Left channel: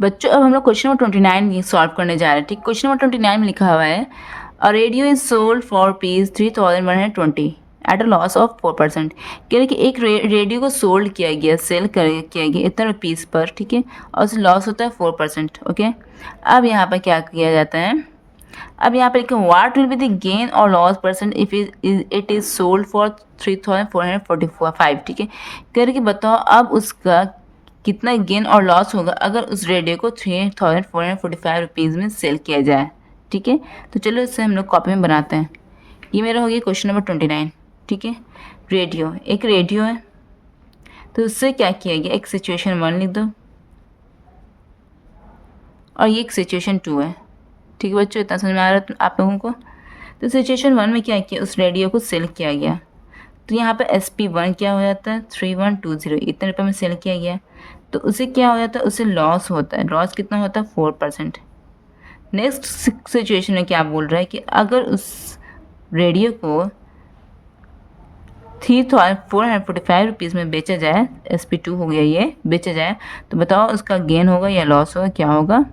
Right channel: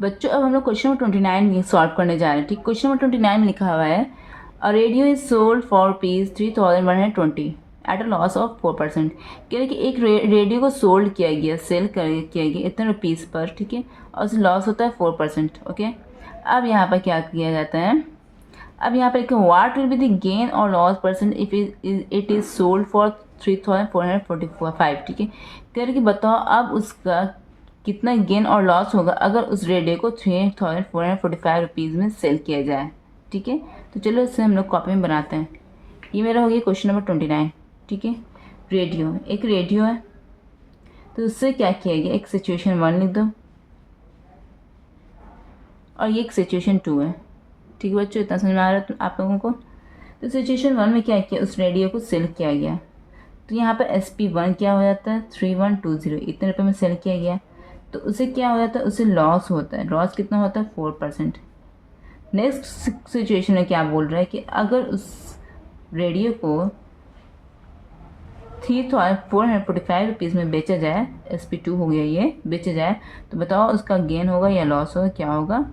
बच्चों अब हम लोग क्वेश्चन नंबर 29 सॉल्व करने जा रहे हैं। ठीक, क्वेश्चन नंबर 29 में लिखा हुआ है a radio is sold for piece 3120 at a loss of 4%। कह रहे कि एक रेडियो को सोल्ड किया गया, सेल किया गया इतना रुपीस पर, ठीक है, और उसे लॉस होता है 4%। ओके, अब यहाँ पर क्या किया जाता है, अब यहाँ पर लिखा what will be the gain और loss percent if it is sold for 3445। ठीक है, कह रहे कि बताओ अब उसका कितना गेन और लॉस होगा अगर उस रेडियो को 3445 रुपीज़ में सेल किया जाए। ठीक है, तो चलो इससे हम लोग कॉपी में बनाते हैं। ये मेरा हो गया क्वेश्चन नंबर 29। ठीक है, रेडियो, एक रेडियो है, तो उससे क्या किया गया, एक सिचुएशन 1 लिख दो और ये एक सिचुएशन 2 है। ठीक है बच्चों, इतना समझ में आ रहा है आप लोगों को। तो सिचुएशन 1 में क्या किया, उस रेडियो को सेल किया गया, तो यहाँ पे SP1 क्या हो जाता है 3120, इतने रुपये में सेल किया गया, तो उसे क्या हो जाता है, उसे लॉस होता है। लॉस कितना होता है 4%। नेक्स्ट सिचुएशन में क्या बोल रहा है कि अगर उस रेडियो को 3445 रुपीज़ में बेचा जाए, SP2 हो गया ये, बेचा जाए, तो बताओ उसका गेन होगा या लॉस होगा, क्या होगा,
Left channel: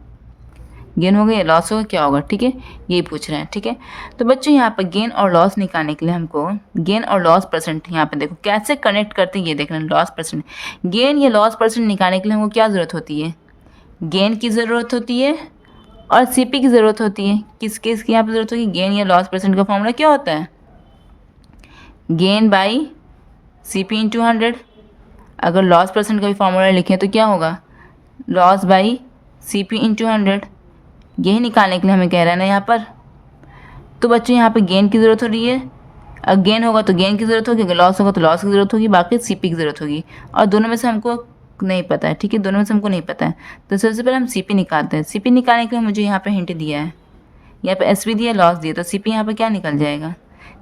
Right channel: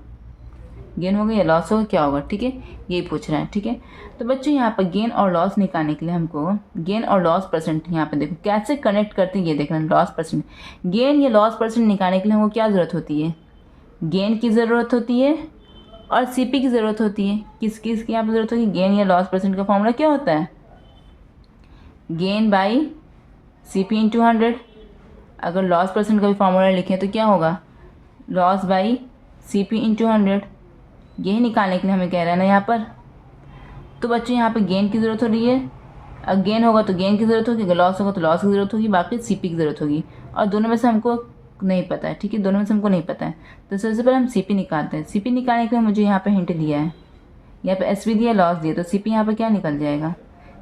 गेन होगा या लॉस होगा, क्या होगा। ठीक है, यही पूछ रहे हैं। ठीक है, तो बच्चों यहाँ पर गेन और लॉस निकालने के लिए हमको गेन और लॉस परसेंट, यहाँ पे देखो कैसे कनेक्ट करते हैं, ये देखना, लॉस परसेंट, गेन या लॉस परसेंट निकालने के लिए हमको क्या ज़रूरत होती है, गेन की ज़रूरत होती है और CP की ज़रूरत होती है। किस किस की यहाँ पर ज़रूरत होगी, गेन या लॉस परसेंट का फॉर्मूला क्या होता है, गेन बाई CP इंटू 100। अगर लॉस परसेंट का भी फॉर्मूला लिखें तो क्या होगा, लॉस बाई CP इंटू 100। यही निकालने के लिए हमें कह रहा है ना यहाँ पर। तो बच्चों यहाँ पे गेन की ज़रूरत हो रही है, अगर गेन होगा तो गेन की ज़रूरत होगी, अगर लॉस होगा तो लॉस की ज़रूरत होगी, बाकी CP की ज़रूरत होगी, और दोनों में से हमको नहीं पता है। ठीक है, दोनों में से हमको नहीं पता है, तो सबसे पहले हम CP निकालते हैं। CP निकालने के लिए मुझे यहाँ पे हिंट दिया है, यहाँ पे SP दिया, लॉस दिया, तो CP यहाँ पे क्या निकल जाएगा,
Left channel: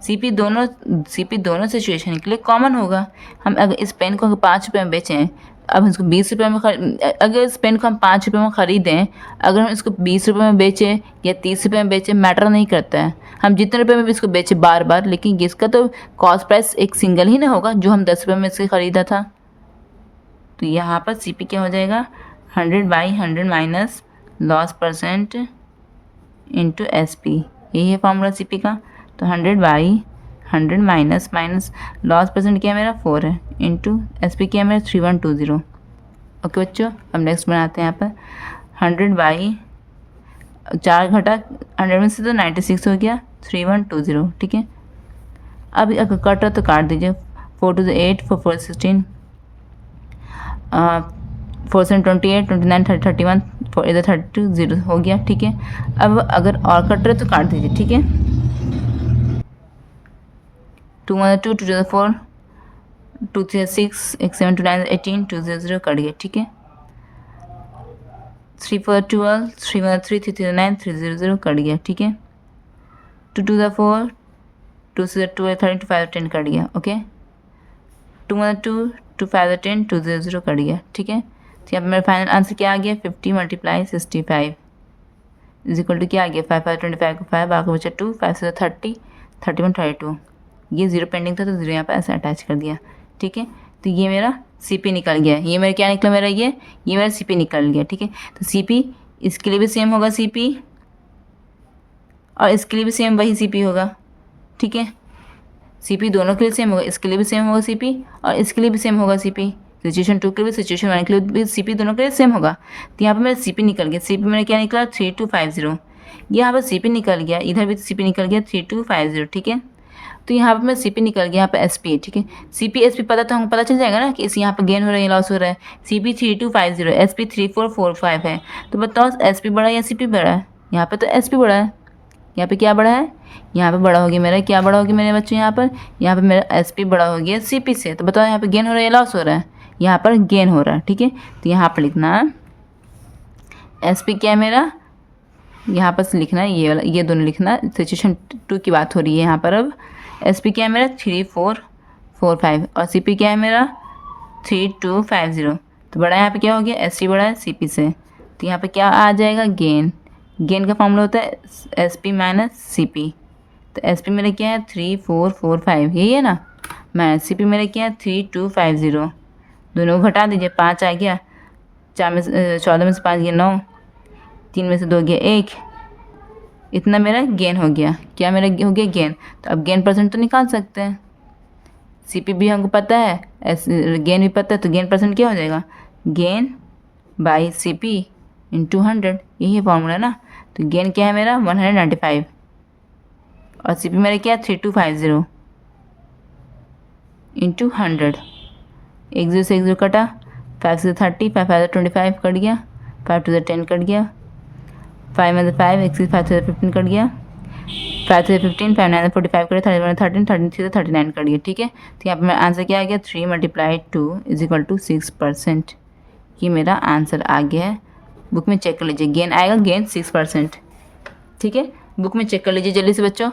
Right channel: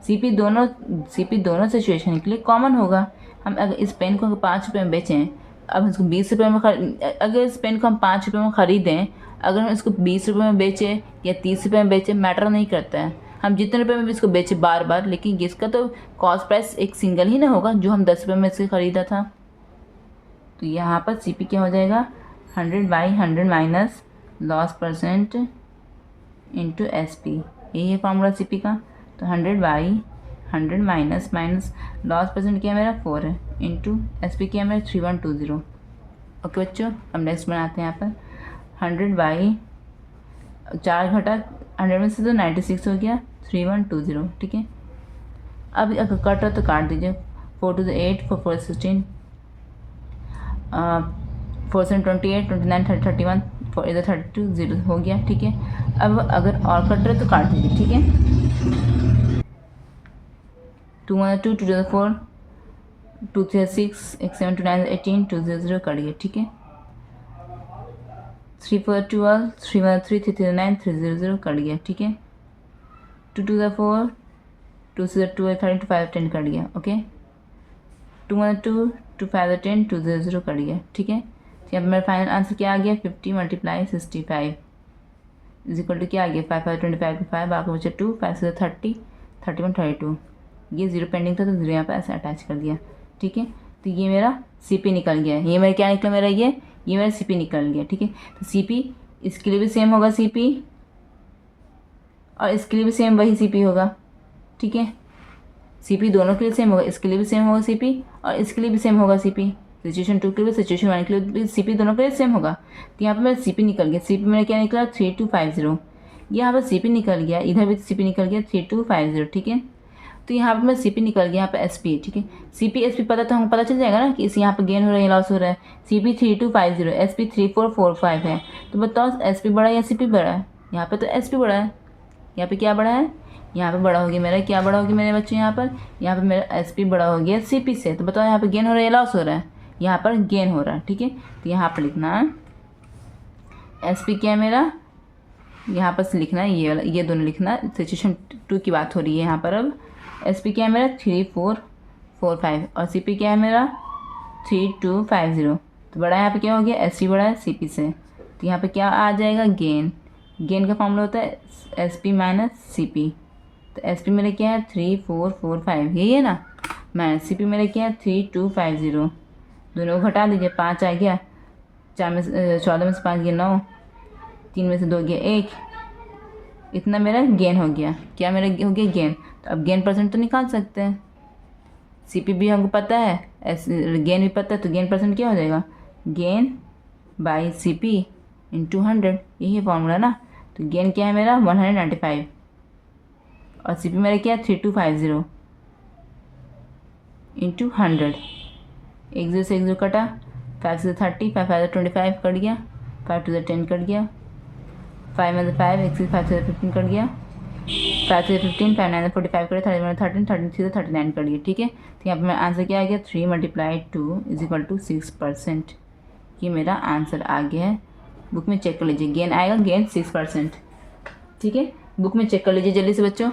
CP दोनों सिचुएशन के लिए कॉमन होगा। हम अगर इस पेन को 5 रुपये में बेचें, अब इसको 20 रुपये में अगर इस पेन को हम 5 रुपये में ख़रीदें, अगर हम इसको 20 रुपये में बेचें या 30 रुपये में बेचें, मैटर नहीं करता है, हम जितने रुपये में भी इसको बेचें बार बार, लेकिन इसका तो कॉस्ट प्राइस एक सिंगल ही ना होगा जो हम 10 रुपये में इससे ख़रीदा था। तो यहाँ पर CP क्या हो जाएगा, 100/100 minus loss percent into SP, यही है फॉर्मूला CP का। तो 100/100 माइनस लॉस परसेंट क्या है मेरा 4 है, इंटू SP क्या है मेरा 3120। ओके बच्चों, अब नेक्स्ट बनाते हैं यहाँ पर 100/4 घटा 100 में से तो 96 हो गया, 3120। ठीक है, अब अगर कट रहा तो काट दीजिए, 4 2 8, 4 4 16, 4 7 28, 29 30 31, 4 इधर 32 0 हो गया। ठीक है, अब अगर और कट रहे तो काट दीजिए। ठीक है, 2 1 2, 2 0 4, 2 3 6, 1 7 2 9 18, 2 0 0 कट गया। ठीक है, 3 4 12, 3 1 3, 3 3 9, 3 0 0 कट गया। ठीक है, 2 2 4, 2 6 2 13, 2 5 10 कट गया। ओके, 2 1 2, 2 5 10, 2 0 0 कट गया। ठीक है, तो यहाँ पर मेरा फाइनल आंसर क्या आ गया, 50 × 65 इज इक्वल टू क्या आ गया, 5 5 25 को 5, बाकी बचा 2, 5 से 30, 31 32। ये 0 पेंडिंग था तो 0 यहाँ पर ऐसे अटैच कर दिया। ठीक है, तो ये मेरा CP निकल गया, ये मेरा क्या निकला, मेरा ये मेरा CP निकल गया। ठीक है, तो CP इसके लिए भी सेम होगा CP, और इसके लिए भी सेम वही CP होगा। ठीक है, CP दोनों के लिए सेम होगा, इसके लिए भी सेम होगा CP और इसके लिए भी सेम होगा CP। सिचुएशन 2 के लिए, सिचुएशन 1 के लिए भी CP दोनों के लिए सेम होगा। तो यहाँ पर मेरा CP निकल गया, CP मेरा क्या निकला 3250। यहाँ पर CP निकल गया, इधर भी CP निकल गया 3250। ठीक है, तो यहाँ पर मेरा CP निकल गया, यहाँ पर SP है। ठीक है, CP SP पता तो हमको पता चल जाएगा ना कि इस यहाँ पर गेन हो रहा है या लॉस हो रहा है। CP 3250, SP 3445 है, तो बताओ SP बड़ा है या CP बड़ा है, यहाँ पर तो SP बड़ा है, यहाँ पे क्या बड़ा है, यहाँ पे बड़ा हो गया मेरा, क्या बड़ा हो गया मेरे बच्चों, यहाँ पर मेरा SP बड़ा हो गया CP से। तो बताओ यहाँ पे गेन हो रहा है या लॉस हो रहा है, यहाँ पर गेन हो रहा है। ठीक है, तो यहाँ पर लिखना SP क्या है मेरा, यहाँ पर लिखना है ये वाला, ये दोनों लिखना, सिचुएशन 2 की बात हो रही है यहाँ पर। अब SP क्या है मेरा 3445 और CP क्या है मेरा 3250। तो बड़ा यहाँ पे क्या हो गया, SP बड़ा है CP से, तो यहाँ पे क्या आ जाएगा, गेन। गेन का फॉर्मूला होता है SP माइनस CP। तो SP मेरा क्या है 3445, यही है ना, माइनस CP मेरा क्या है 3250। दोनों को घटा दीजिए, 5 आ गया, 14 में से 5 गया 9, 3 में से 2 गया 1, इतना मेरा गेन हो गया। क्या मेरा हो गया गेन। तो अब गेन परसेंट तो निकाल सकते हैं, CP भी हमको पता है, गेन भी पता है, तो गेन परसेंट क्या हो जाएगा, गेन बाई CP इंटू 100, यही है फॉर्मूला ना। तो गेन क्या है मेरा 195 और CP मेरा क्या है 3250 इंटू 100। 1 0 से 1 0 कटा, 5 से 30, 5 5 25 कट गया, 5 2 10 कट गया, 5 में 5, 1 से 5 से 15 कट गया, 5 से 15, 5 9 45 कट, 13 13, 13 से 39 कट गया। ठीक है, तो यहाँ पर मेरा आंसर क्या आ गया 3 × 2 = 6%। ये मेरा आंसर आ गया है। बुक में चेक कर लीजिए, गेन आएगा गेन 6%। ठीक है, बुक में चेक कर लीजिए जल्दी से बच्चों।